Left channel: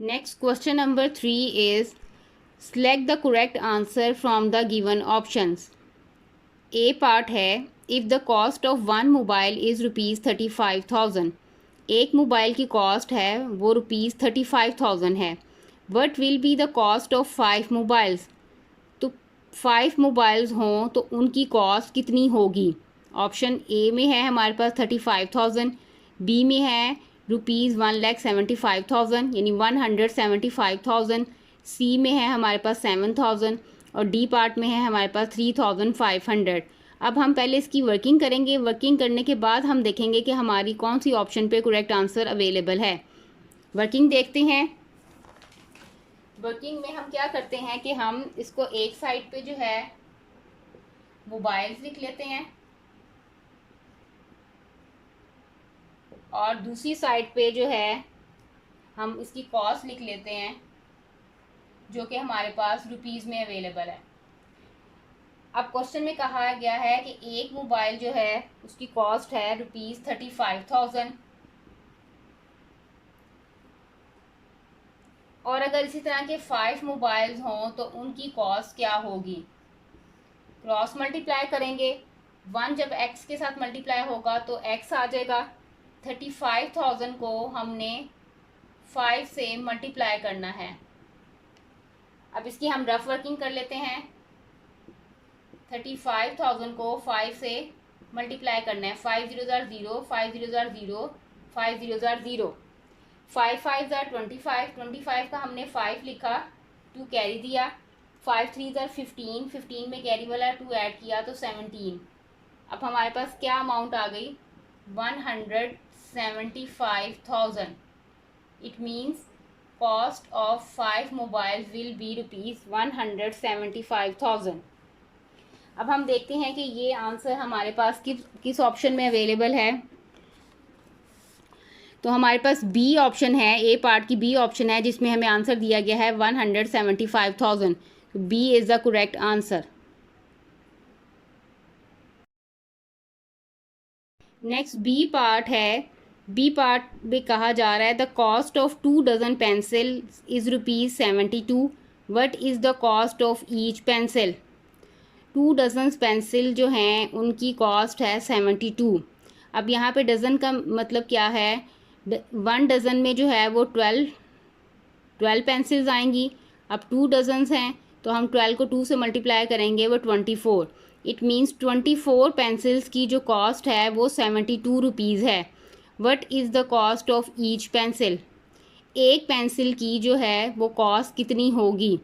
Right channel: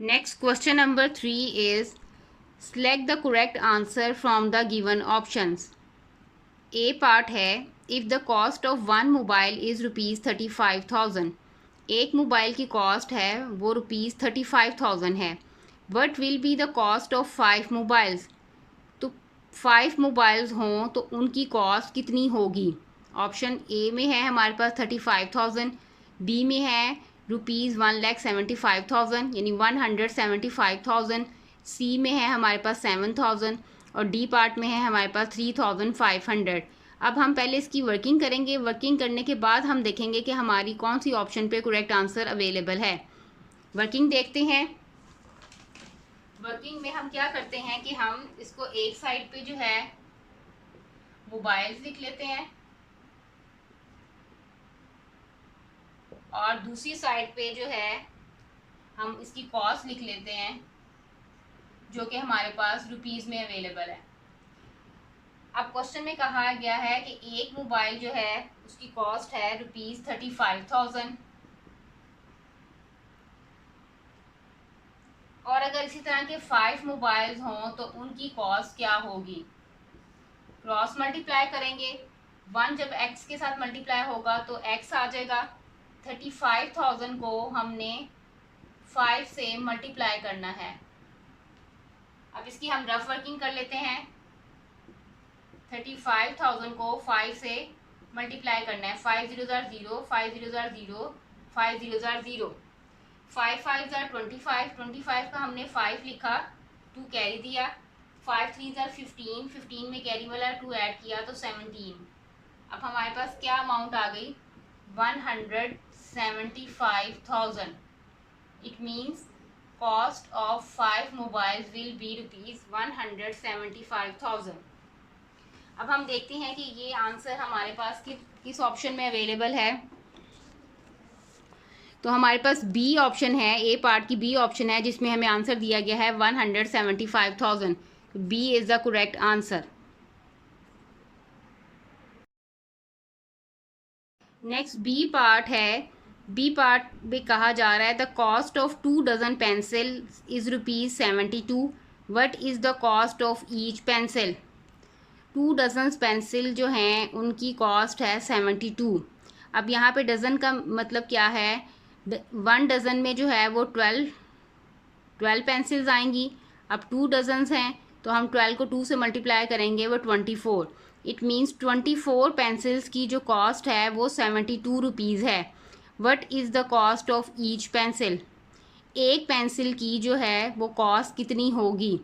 Next question number 3 is select the correct answer from the given options. A part है if the cost of one mobile is ₹35,000. एक mobile की cost है वो ₹35,000 है. What will be the cost of 5 mobiles? तो 5 mobiles हों तो उनकी कॉस्ट कितनी होगी. ऑप्शन ए में है हमारे पास 35,000, बी में है ₹1,75,000 यानी 175,000, सी में है हमारे पास 7,000 और डी पार्ट में है हमारे पास 3,500. अब हम पहले इसकी वर्किंग करेंगे. वर्किंग करने के बाद हम देखेंगे कि हमारी कौन सी ऑप्शन पे करेक्ट आंसर अवेलेबल है. वर्किंग देखते हैं. वर्किंग में हम क्या करते हैं कि हम इसको एक साइड पे जो है मोबाइल्स लिख लेते हैं और दूसरी साइड पे जो है हम इसकी कॉस्ट लिख लेते हैं जो कि हमारे पास रुपीज़ में अवेलेबल है. अब क्वेश्चन में कहा गया है कि एक मोबाइल जो है उसकी कॉस्ट है ₹35,000 और अगर इसी तरह के 5 मोबाइल्स हों तो उनकी कॉस्ट क्या होगी. क्रॉस मल्टीप्लाई करेंगे. 1 जब x के साथ मल्टीप्लाई होगा तो x आ जाएगा. 35,000 को हमने 5 से मल्टीप्लाई करना है. अब इसकी हम रफ वर्किंग कर लेते हैं. 35,000 को 5 से मल्टीप्लाई करना है. 5 0 ज़ार 0, 5 0 ज़ार 0, 5 0 ज़ार 0, 5 5 ज़ार 25, 25 का हमने 5 लिखा, 2 कैरी दिया, 5 3 ज़ार 15, 15 में कैरी वाला 2 ऐड किया तो 17. अब हमारे पास क्या अमाउंट आ गई 175,000. It means cost of 5 mobiles will be ₹175,000. अब हम देखते हैं कि ये आंसर हमारे पास किस ऑप्शन में अवेलेबल है. तो हमारे पास बी ऑप्शन है. ए पार्ट की बी ऑप्शन है जिसमें हमें आंसर दिया गया है 175,000. B is the correct answer. Next B part है. बी पार्ट में कहा जा रहा है the cost of 2 dozen pencil is ₹72. What is the cost of each pencil. 2 dozen pencil जो हैं उनकी कॉस्ट है 72. अब यहाँ पे डज़न का मतलब क्या है. 1 डज़न में जो है वो 12 पेंसिल्स आएंगी. अब 2 डजन्स हैं तो हम 12 को 2 से मल्टीप्लाई करेंगे वो 24. इट मीन्स 24 पेंसिल्स की जो कॉस्ट है वो 72 रुपीज़ है. What is the cost of each pencil. एक पेंसिल की जो है वो कॉस्ट कितनी होगी.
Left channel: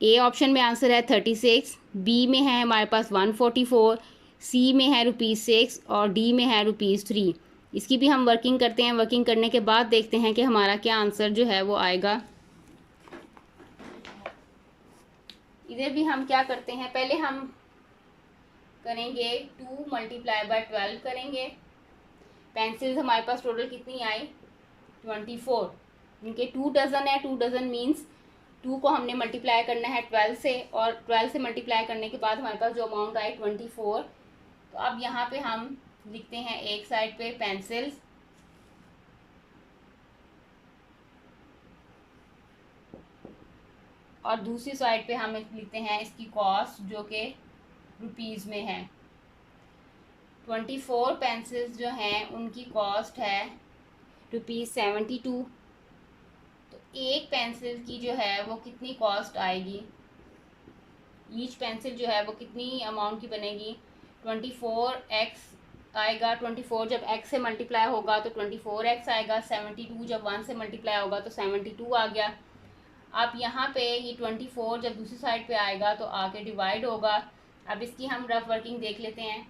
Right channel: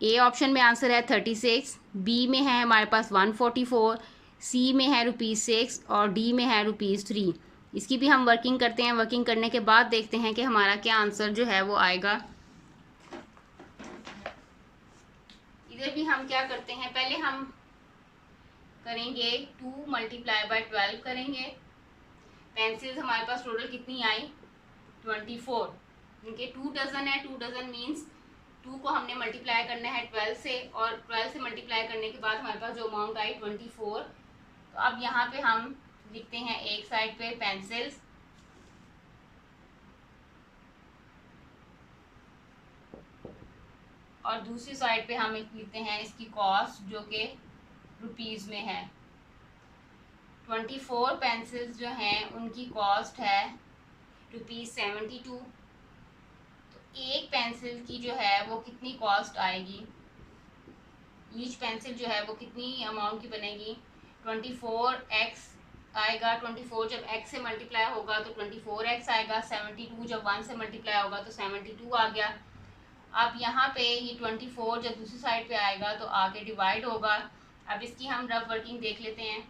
ए ऑप्शन में आंसर है 36, बी में है हमारे पास 144, सी में है ₹6 और डी में है ₹3. इसकी भी हम वर्किंग करते हैं. वर्किंग करने के बाद देखते हैं कि हमारा क्या आंसर जो है वो आएगा. इधर भी हम क्या करते हैं, पहले हम करेंगे 2 मल्टीप्लाई बाय 12 करेंगे. पेंसिल्स हमारे पास टोटल कितनी आई 24. इनके 2 डज़न है. 2 डज़न मीन्स 2 को हमने मल्टीप्लाई करना है 12 से और 12 से मल्टीप्लाई करने के बाद हमारे पास जो अमाउंट आई 24. तो अब यहाँ पे हम लिखते हैं एक साइड पे पेंसिल्स और दूसरी साइड पे हम लिखते हैं इसकी कॉस्ट जो कि रुपीज़ में है. 24 पेंसिल्स जो हैं उनकी कॉस्ट है ₹72. तो एक पेंसिल की जो है वो कितनी कॉस्ट आएगी. ईच पेंसिल जो है वो कितनी अमाउंट की बनेगी. 24x आएगा. 24 जब x से मल्टीप्लाई होगा तो 24x आएगा. 72 जब 1 से मल्टीप्लाई होगा तो 72 आ गया. अब यहाँ पे ये 24 जब दूसरी साइड पे आएगा तो आगे डिवाइड होगा. अब इसकी हम रफ वर्किंग देख लेते हैं.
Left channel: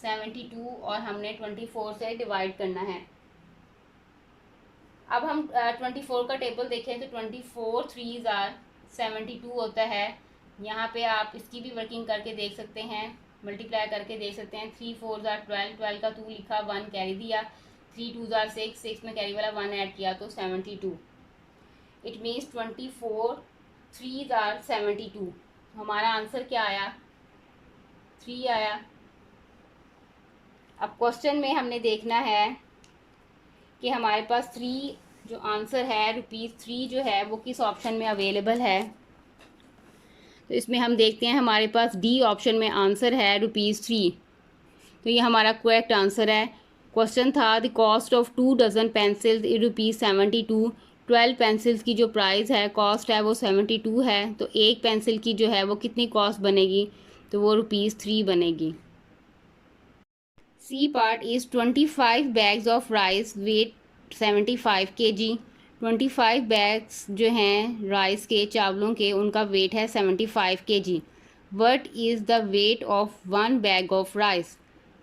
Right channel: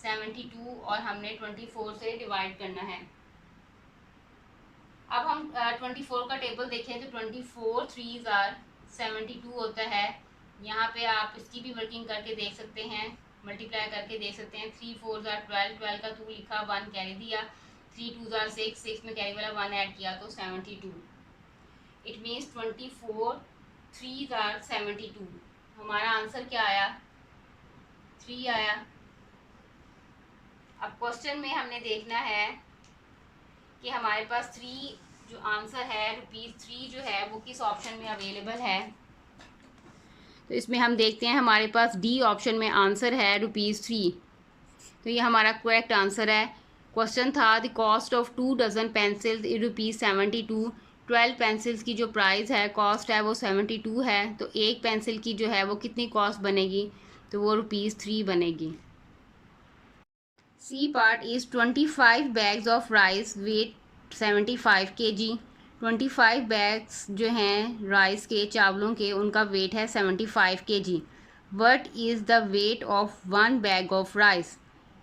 72 और हमने 24 से डिवाइड करना है. अब हम 24 का टेबल देखें तो 24 3 ज़ार 72 होता है. यहाँ पे आप इसकी भी वर्किंग करके देख सकते हैं, मल्टीप्लाई करके देख सकते हैं. 3 4 ज़ार 12, 12 का 2 लिखा, 1 कैरी दिया, 3 2 ज़ार 6, 6 में कैरी वाला 1 ऐड किया तो 72. इट मीन्स 24 3 ज़ार 72. हमारा आंसर क्या आया 3 आया. अब क्वेश्चन में हमने देखना है कि हमारे पास 3 जो आंसर है ₹3 जो है वो किस ऑप्शन में अवेलेबल है। तो इसमें हम देखते हैं हमारे पास डी ऑप्शन में आंसर है ₹3। तो ये हमारा करेक्ट आंसर है। क्वेश्चन था the cost of 2 dozen pencils is ₹72। 12 pencils की जो प्राइस है, कॉस्ट है, वो 72 है। तो एक पेंसिल की जो है वो कितनी कॉस्ट बनेगी, तो वो ₹3 बनेगी। C part is 25 bags of rice weight 75 kg। 25 bags जो हैं राइस के, चावलों के, उनका वेट है 75 kg। What is the weight of 1 bag of rice.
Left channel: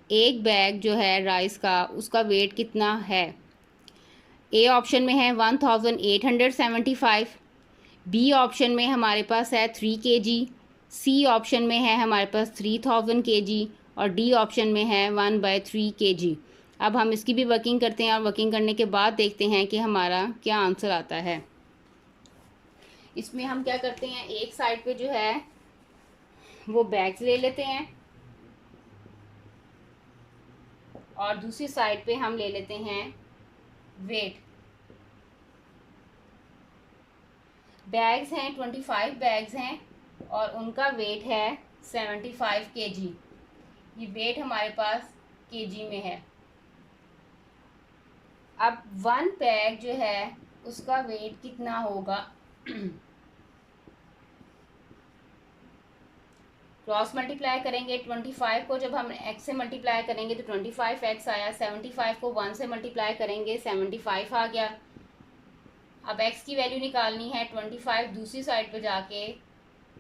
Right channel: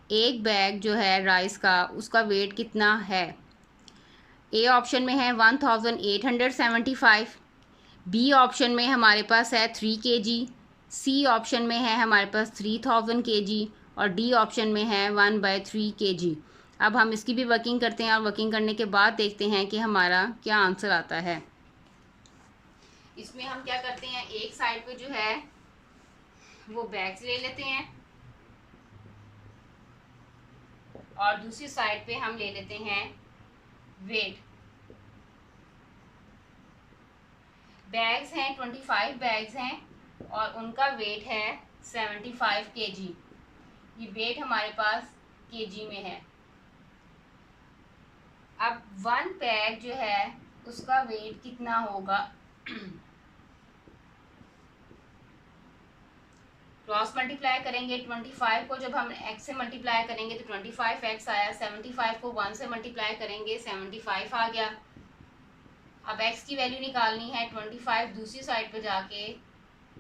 एक बैग जो है राइस का, उसका वेट कितना है। ए ऑप्शन में है 1875। बी ऑप्शन में हमारे पास है 3 kg। सी ऑप्शन में है हमारे पास 3000 kg और डी ऑप्शन में है 1/3 kg। अब हम इसकी भी वर्किंग करते हैं और वर्किंग करने के बाद देखते हैं कि हमारा क्या आंसर आता है। इसमें हम क्या करते हैं, एक साइड पे जो है वो बैग्स ले लेते हैं और दूसरी साइड पे हम ले लेते हैं वेट। बैग्स हैं 25 बैग्स हैं और उनका वेट है 75 kg। ये वेट हमारे पास केजी में है। अब 1 बैग जो है उसका वेट कितना होगा। क्रॉस मल्टीप्लाई करेंगे, 25 को जब हम x से मल्टीप्लाई करेंगे तो 25x आया। 75 को 1 से मल्टीप्लाई करेंगे, 75 आ गया। अब x की वैल्यू निकालनी है, 25 दूसरी साइड पे जाके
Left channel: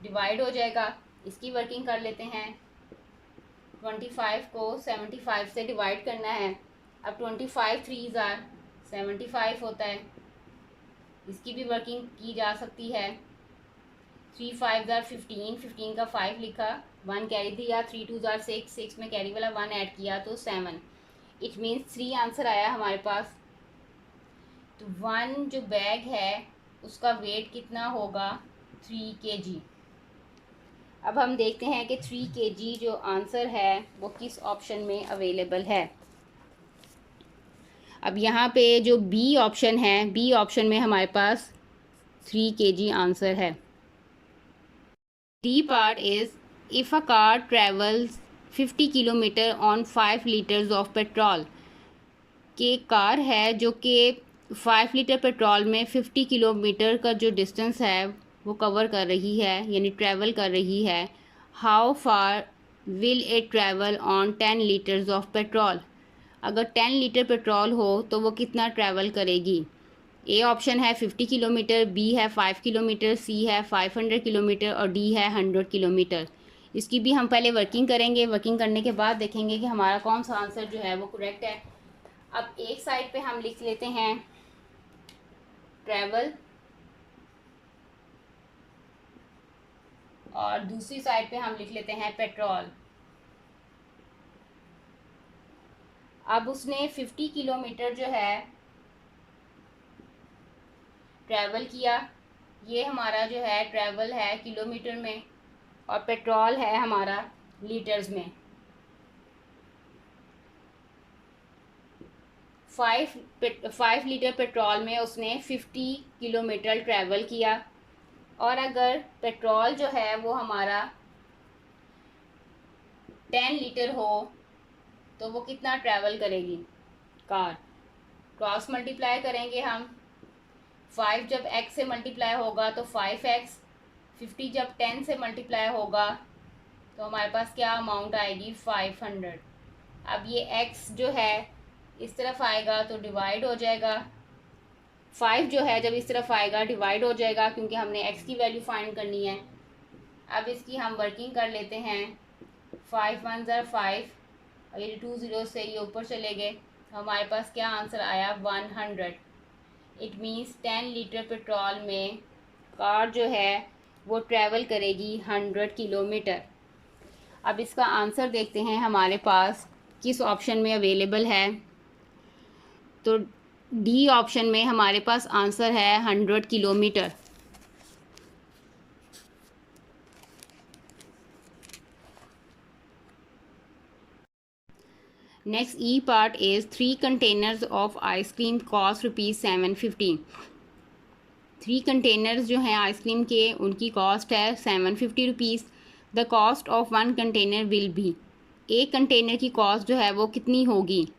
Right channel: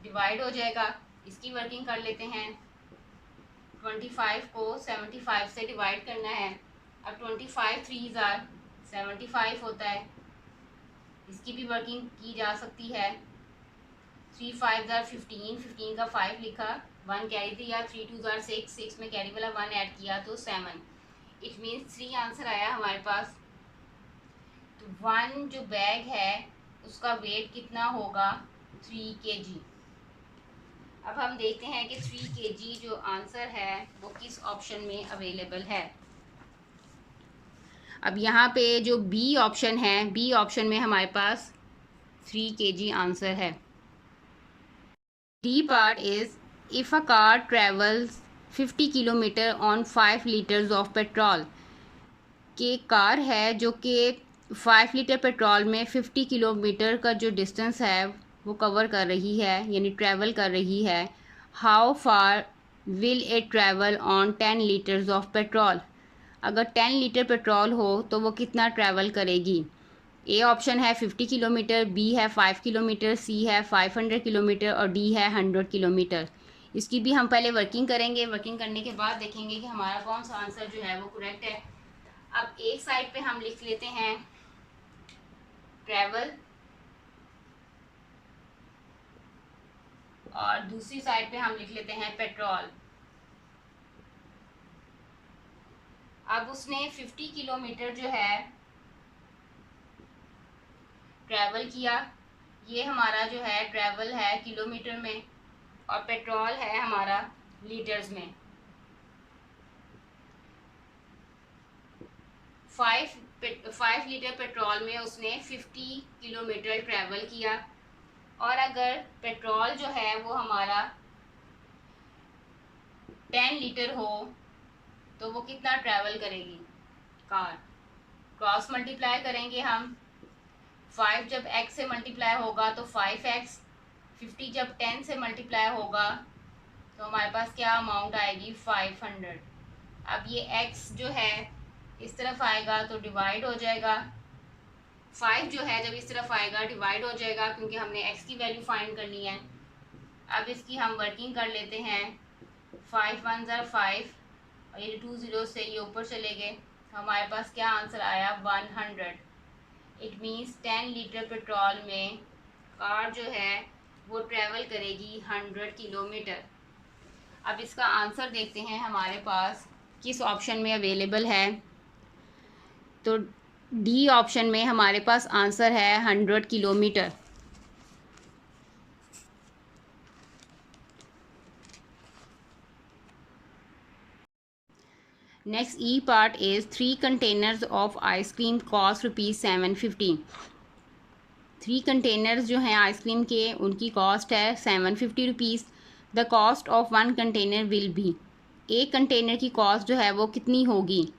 डिवाइड हो जाएगा। इसकी वर्किंग कर लेते हैं। 25 को 75 से डिवाइड करना है। अब 25 3s are 75 होता है। इसकी भी वर्किंग की जा सकती है। 3 5s are 15, 15 का 5 लिखा, 1 कैरी दिया, 3 2s are 6, 6 में कैरी वाला 1 ऐड किया तो 7। इट मीन्स 3 आंसर आया हमारे पास। तो 1 जो बैग है उसका वेट कितना होगा, 3 kg। अब हम देखते हैं कि 3 kg जो आंसर है वो किस ऑप्शन में अवेलेबल है। अब यहाँ पे जो बी ऑप्शन है, बी ऑप्शन में हमारे पास 3 kg आंसर है। D part is if a car travels 50 kilometre on 5 litres of petrol. के कार है जो कि 5 लीटर पेट्रोल में 50 किलोमीटर का जो डिस्टेंस है वो कवर कर रही है, यानी ट्रैवल कर रही है। How far will it travel on 10 litres of petrol. अगर 10 लीटर पेट्रोल हो तो वो कितना ट्रैवल करेगी। ए ऑप्शन है 50 किलोमीटर, बी है 5 किलोमीटर, सी है 500 किलोमीटर और डी है 100 किलोमीटर। इसकी भी हम पहले वर्किंग करेंगे। वर्किंग करने के बाद देखेंगे कि हमारा कौन सा आंसर जो है वो करेक्ट है। अब एक साइड पे हम लिख लेते हैं ट्रैवल और दूसरी साइड पे हम लिख लेते हैं पेट्रोल। अब उसने 50 किलोमीटर जो है ट्रैवल किया। ये हमारा जो है ट्रैवल है किलोमीटर में और पेट्रोल है हमारा लीटर्स में। 5 लीटर पेट्रोल में उसने 50 किलोमीटर ट्रैवल किया। और अगर पेट्रोल जो है वो हमारा 10 लीटर हो तो वो कितना ट्रैवल करेगी कार। क्रॉस मल्टीप्लाई करेंगे हम। 5 जब x से मल्टीप्लाई होगा तो 5x, 50 जब 10 से मल्टीप्लाई होगा तो हमारे पास क्या अमाउंट आएगी, 500। अब ये x जो है इस तरफ आएगा तो डिवाइड हो जाएगा। 5 जो है जब इस तरफ आएगा डिवाइड हो जाएगा क्योंकि हमने x की वैल्यू फाइंड करनी है। अब इसकी हम वर्किंग कर लेते हैं। 5 1s are 5 और ये 2 0 से ये ऊपर चले गए। हमारे पास क्या आंसर आया, 100। इट मीन्स 10 लीटर पेट्रोल में कार जो है वो ट्रैवल करेगी 100 किलोमीटर। अब इसका आंसर देखते हैं हमारे पास किस ऑप्शन में अवेलेबल है। तो डी ऑप्शन में हमारे पास आंसर है 100 kilometre. Next E part is 3 containers of ice cream cost ₹750। 3 containers जो हैं आइसक्रीम के उनकी कॉस्ट है ₹750। The cost of 1 container will be, एक कंटेनर की कॉस्ट जो है वो कितनी होगी।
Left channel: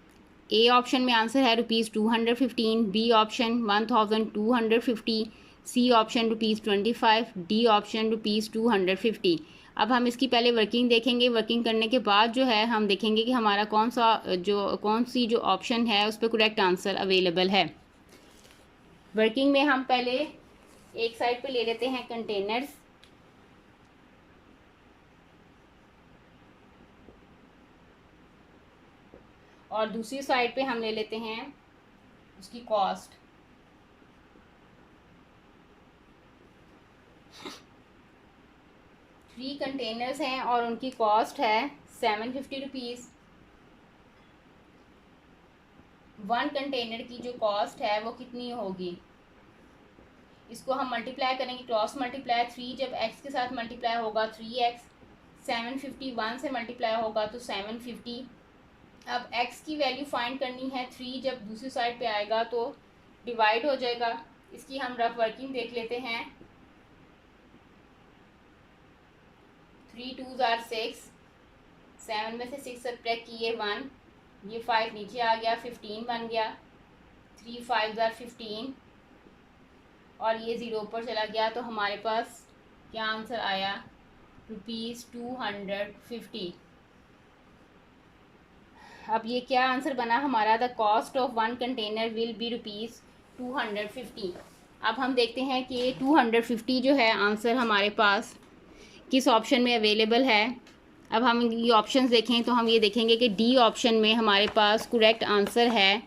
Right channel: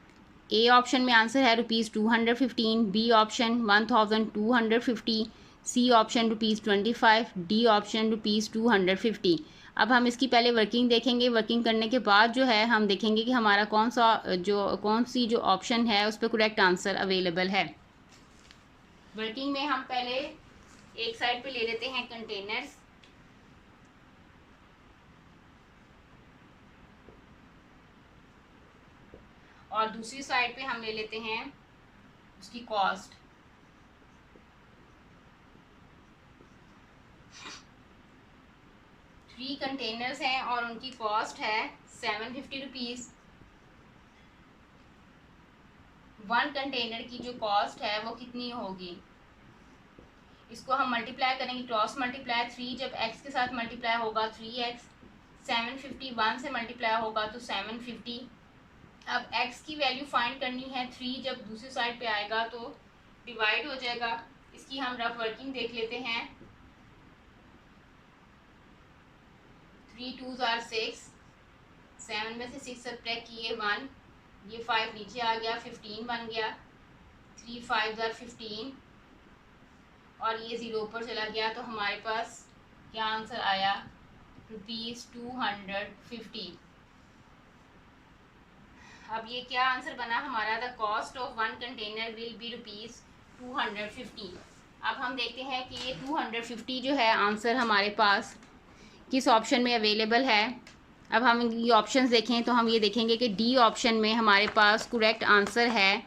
ए ऑप्शन में आंसर है ₹215, B option 1250, C option ₹25, D option ₹250। अब हम इसकी पहले वर्किंग देखेंगे। वर्किंग करने के बाद जो है हम देखेंगे कि हमारा कौन सी जो ऑप्शन है उस पर करेक्ट आंसर अवेलेबल है। वर्किंग में हम पहले एक साइड पे ले लेते हैं कंटेनर्स, और दूसरी साइड पे हम ले लेते हैं उसकी कॉस्ट। थ्री कंटेनर्स हैं और उनकी कॉस्ट है ₹750। 1 कंटेनर की जो कॉस्ट है वो कितनी होगी, इसको हम मल्टीप्लाई करेंगे, क्रॉस मल्टीप्लाई। 3 जब x के साथ मल्टीप्लाई होगा 3x, 750 1 से मल्टीप्लाई होगा तो 750। अब x की वैल्यू फाइंड करनी है, 3 जब दूसरी साइड पे आएगा तो डिवाइड हो जाएगा। इसकी हम रफ वर्किंग देख लेते हैं। 3 2s are 6, 7 में से 6 सब्ट्रैक्ट किए 1, ये 5 नीचे आ गया, 15 बन गया। 3 5s are 15 और ये 0 ऊपर चला गया, तो हमारे पास क्या आंसर आया, ₹250। अब ये क्या आंसर बना हमारा, the cost of 1 container will be ₹250। अब हम देखते हैं कि ये 250 जो है आंसर हमारे पास किस ऑप्शन में अवेलेबल है। अब हम ये ऑप्शंस देखें तो हम ये देखेंगे कि डी ऑप्शन में हमारे पास करेक्ट आंसर है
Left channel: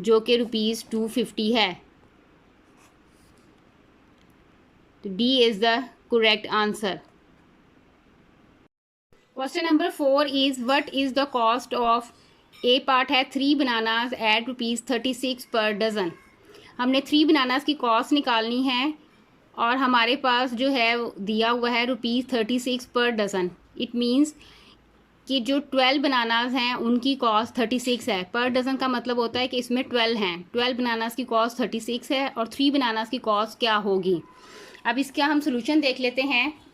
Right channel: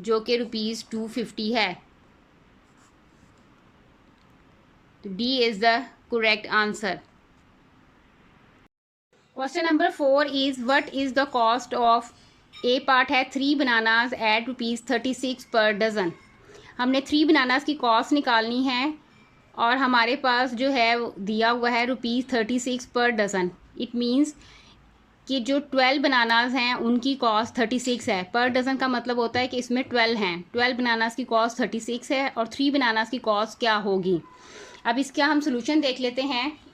जो कि ₹250 है। तो D is the correct answer. Question number 4 is what is the cost of, A part है 3 बनानाज एट ₹36 पर डज़न। हमने 3 बनानाज की कॉस्ट निकालनी है और हमारे पास जो है दिया हुआ है ₹36 पर डज़न। इट मीन्स कि जो 12 बनानाज हैं उनकी कॉस्ट 36 है। पर डज़न का मतलब होता है कि इसमें 12 हैं। 12 बनानाज की कॉस्ट 36 है और 3 बनानाज की कॉस्ट क्या होगी। अब इसका हम सोल्यूशन देख लेते हैं।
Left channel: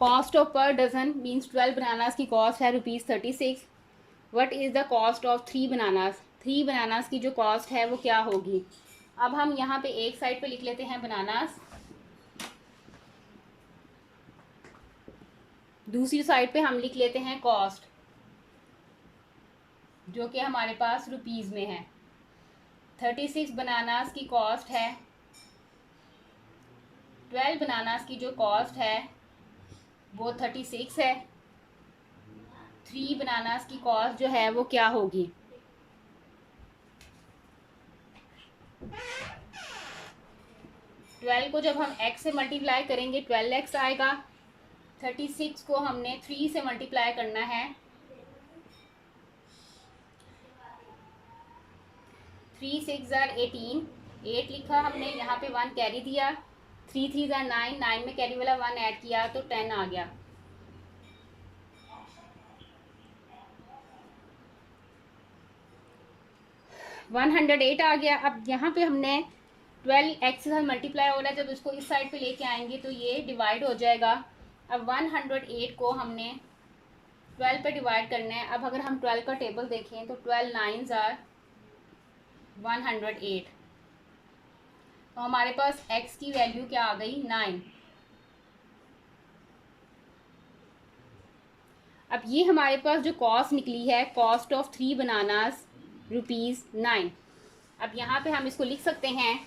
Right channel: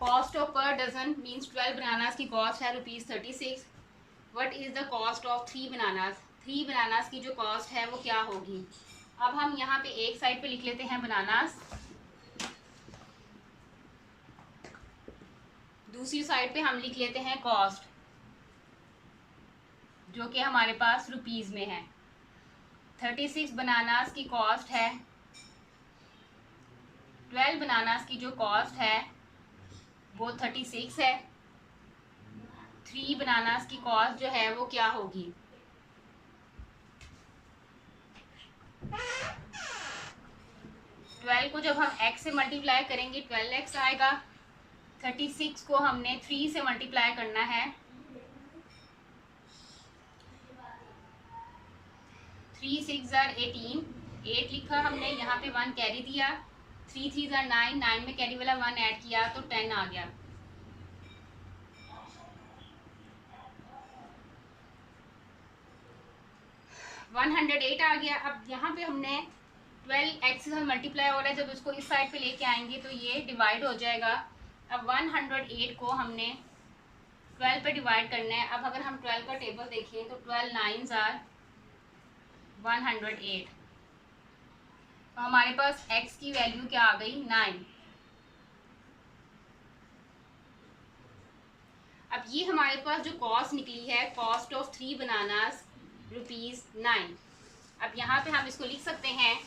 कॉस्ट ऑफ पर डज़न मीन्स 12 बनानाज की कॉस्ट है ₹36। What is the cost of 3 bananas, 3 bananas की जो कॉस्ट है वो क्या होगी। अब हम यहाँ पे एक साइड पे लिख लेते हैं बनानाज, दूसरी साइड पे हम लिख लेते हैं कॉस्ट, जो कि हमारे पास रुपीज़ में है। 36 बनानाज की कॉस्ट है, 12 बनानाज की जो कॉस्ट है वो 36 है। 3 बनानास की कॉस्ट जो है वो क्या होगी। ट्वेल्व को जब हम x से मल्टीप्लाई करेंगे 12x आएगा। 36 को हमने 3 से मल्टीप्लाई करना है, 3 6 are 18, 8 लिखा हमने, यहाँ पे 1 कैरी दिया, 3 3 are 9, 9 में कैरी वाला 1 ऐड किया तो 10 आ गया। $108 आ गया। अब यहाँ पे हमने 12x से मल्टीप्लाई हो रहा है, जब उसको इस साइड पे लेके आएंगे तो ये डिवाइड हो जाएगा। अब 108 को हमने 12 पे डिवाइड करना है। अब अगर हम 12 का टेबल देखें तो 12 9s are 108, तो हमारे पास x की वैल्यू क्या आ गई, 9। अब ये हमारे पास जो कॉस्ट निकली है, कॉस्ट ऑफ 3 बनानास ₹9। अब यहाँ पे हम इसको लिख सकते हैं,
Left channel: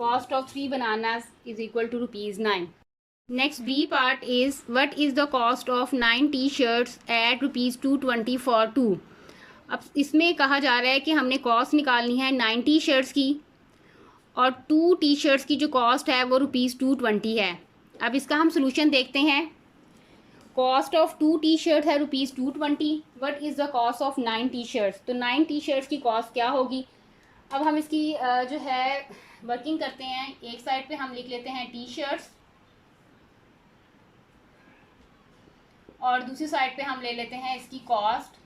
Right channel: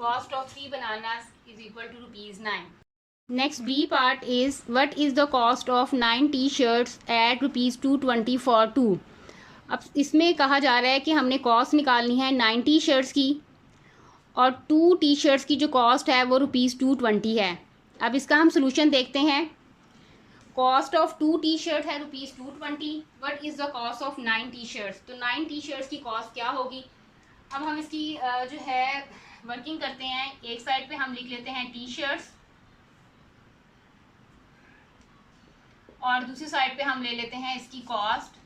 cost of 3 bananas is equal to ₹9. Next B part is what is the cost of 9 t-shirts at ₹220 for 2। अब इसमें कहा जा रहा है कि हमने कॉस्ट निकालनी है 9 टी शर्ट्स की और 2 टी शर्ट्स की जो कॉस्ट है वो ₹220 है। अब इसका हम सोल्यूशन देखते हैं। कॉस्ट ऑफ 2 टी शर्ट है ₹220. What is the cost of 9 T shirts. तो 9 टी शर्ट्स की कॉस्ट क्या होगी. अब हम इसकी जो है वर्किंग करते हैं. एक साइड पे हम लिख लेते हैं टी शर्ट्स और दूसरी साइड पे हम ले लेते हैं इसकी कॉस्ट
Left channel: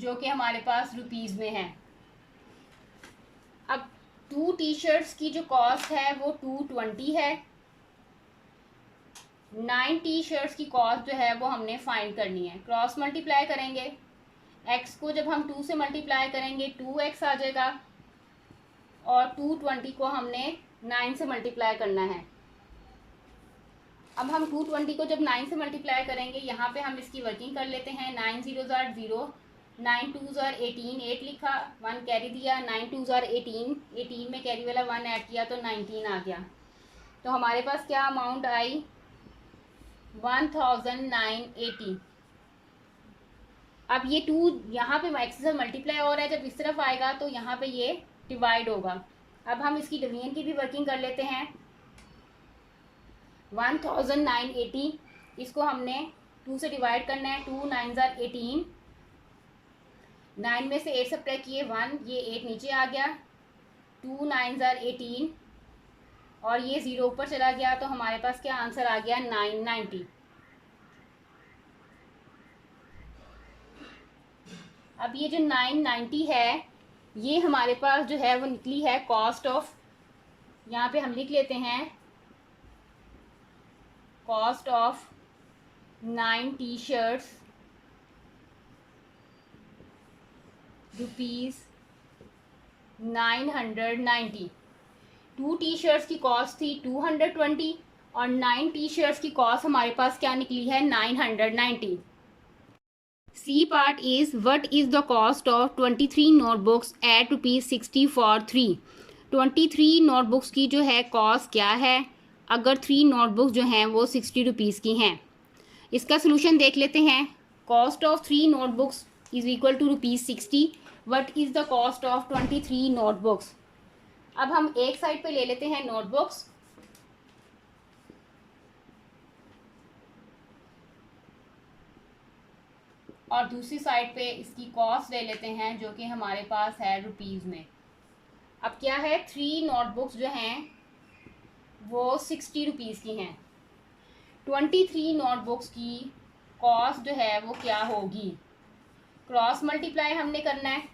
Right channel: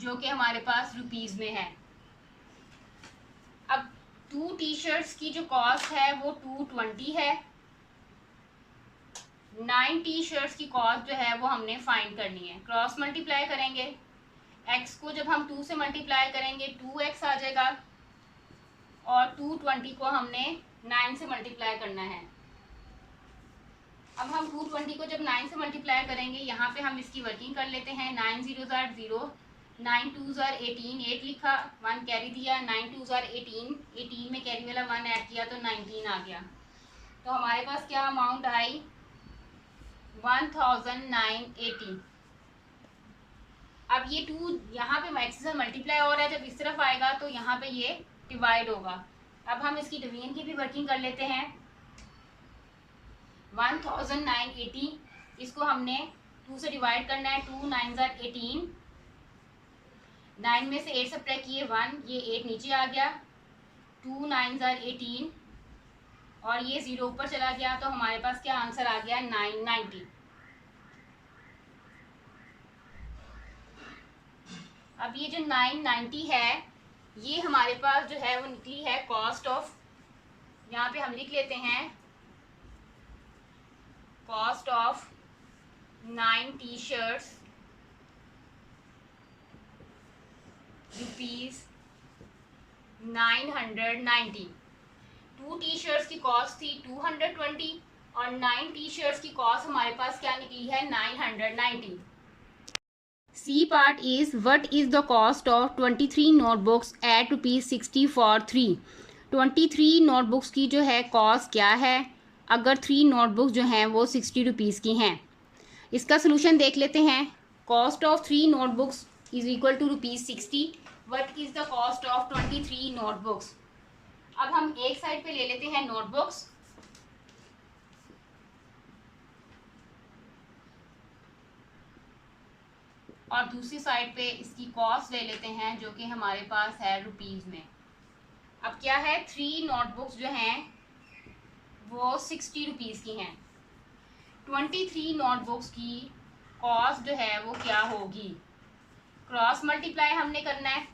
जो कि हमारे पास रुपीज़ में है. अब 2 टी शर्ट्स की जो कॉस्ट है वो 220 है. 9 टी शर्ट्स की कॉस्ट जो है वो हमने फाइंड करनी है. क्रॉस मल्टीप्लाई करेंगे. x को जब हम 2 से मल्टीप्लाई करेंगे 2x आ जाएगा और 220 को हमने 9 से मल्टीप्लाई करना है. अब हम 220 को जब 9 से मल्टीप्लाई करेंगे यहाँ पे हम इसकी वर्किंग कर लेते हैं. 9 0 0, 9 2 18, 8 लिखा, 1 कैरी दिया, 9 2 18, 18 में कैरी वाला 1 ऐड किया तो 19 आ गया. तो हमारे पास क्या अमाउंट आई 1980. अब ये 2 यहाँ पे x से मल्टीप्लाई हो रहा है, जब इस तरफ आएगा तो यहाँ पे ये डिवाइड होगा. अब हम इसकी डिवीजन की भी वर्किंग कर लेते हैं. 1980 इसको हमने 2 से डिवाइड करना है. 2 9 18, 9 में से 8 सब्ट्रैक्ट किए 1, ये 8 नीचे आ गया. 2 9 18 और ये 0 ऊपर चला गया तो हमारे पास क्या आंसर आ गया 990. अब ये जो 990 है ये हमारे पास जो है वो निकली है कॉस्ट ऑफ. यहाँ पे हम लिख लेते हैं cost of 9 T shirts ₹990. 2 T shirts की कॉस्ट थी 220 और 9 टी शर्ट्स की कॉस्ट हमारे पास क्या निकली है 990. C part is what is the cost of 23 notebooks at ₹60 for 3. 23 notebooks की जो है कॉस्ट क्या है अगर 3 नोटबुक्स जो हैं वो ₹60 की हैं. इसका सोल्यूशन देख लेते हैं. Cost of 3 notebooks is equal to ₹60. What is the cost of 23 notebooks. अब हम एक साइड पे ले लेते हैं नोटबुक्स और दूसरी साइड पे इसकी कॉस्ट ले लेते हैं जो कि हमारे पास है रुपीज़ में. अब क्या है 3 नोटबुक्स जो हैं वो ₹60 की हैं. 23 नोटबुक्स की कॉस्ट जो है वो क्या होगी. क्रॉस मल्टीप्लाई हमने करना है.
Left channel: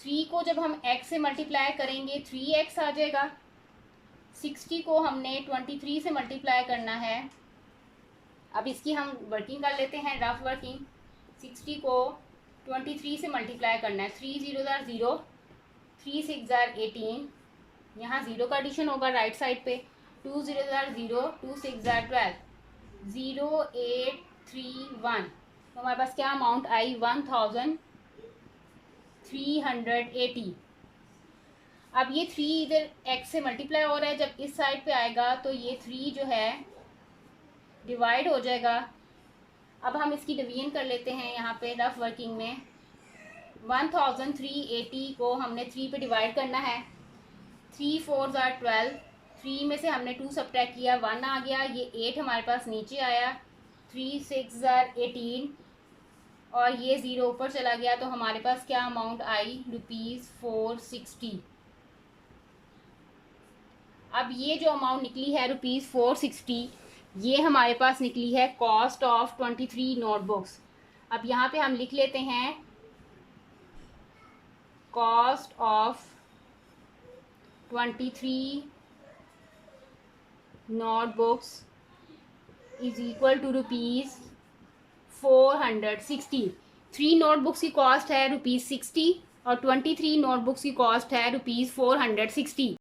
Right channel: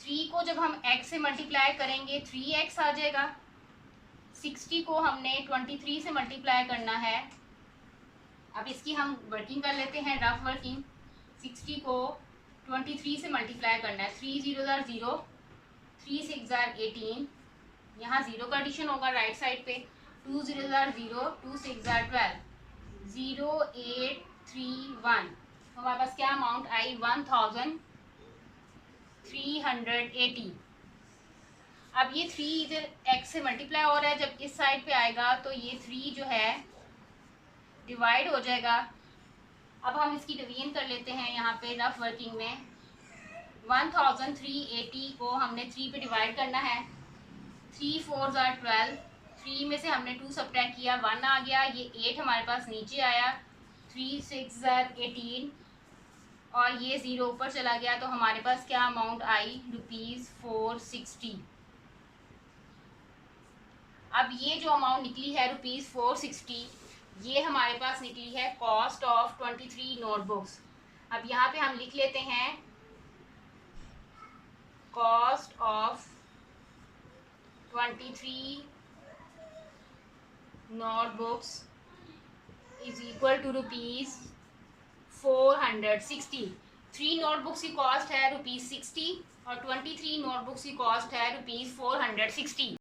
3 को जब हम x से मल्टीप्लाई करेंगे 3x आ जाएगा. 60 को हमने 23 से मल्टीप्लाई करना है. अब इसकी हम वर्किंग कर लेते हैं रफ वर्किंग. 60 को 23 से मल्टीप्लाई करना है. 3 0 0, 3 6 18, यहाँ 0 का एडिशन होगा राइट साइड पे. 2 0 0, 2 6 12, 0 8 3 1. तो हमारे पास क्या अमाउंट आई 1380. अब ये 3 इधर x से मल्टीप्लाई हो रहा है, जब इस साइड पे आएगा तो ये 3 जो है डिवाइड हो जाएगा. अब हम इसकी डिवीजन कर लेते हैं यहाँ पे रफ वर्किंग में. 1380 को हमने 3 पे डिवाइड करना है. 3 4 12, 3 में से हमने 2 सब्ट्रैक्ट किया 1 आ गया. ये 8 हमारे पास नीचे आया. 3 6 18 और ये 0 ऊपर चला गया तो हमारे पास क्या अमाउंट आई ₹460. अब ये जो अमाउंट निकली है ₹460 ये हमारे पास निकली है कॉस्ट ऑफ 23 नोटबुक्स. अब यहाँ पे हम लिख लेते हैं cost of 23 notebooks is equal to ₹460. 3 notebooks की कॉस्ट है ₹60 और 23 नोटबुक्स की कॉस्ट है ₹460.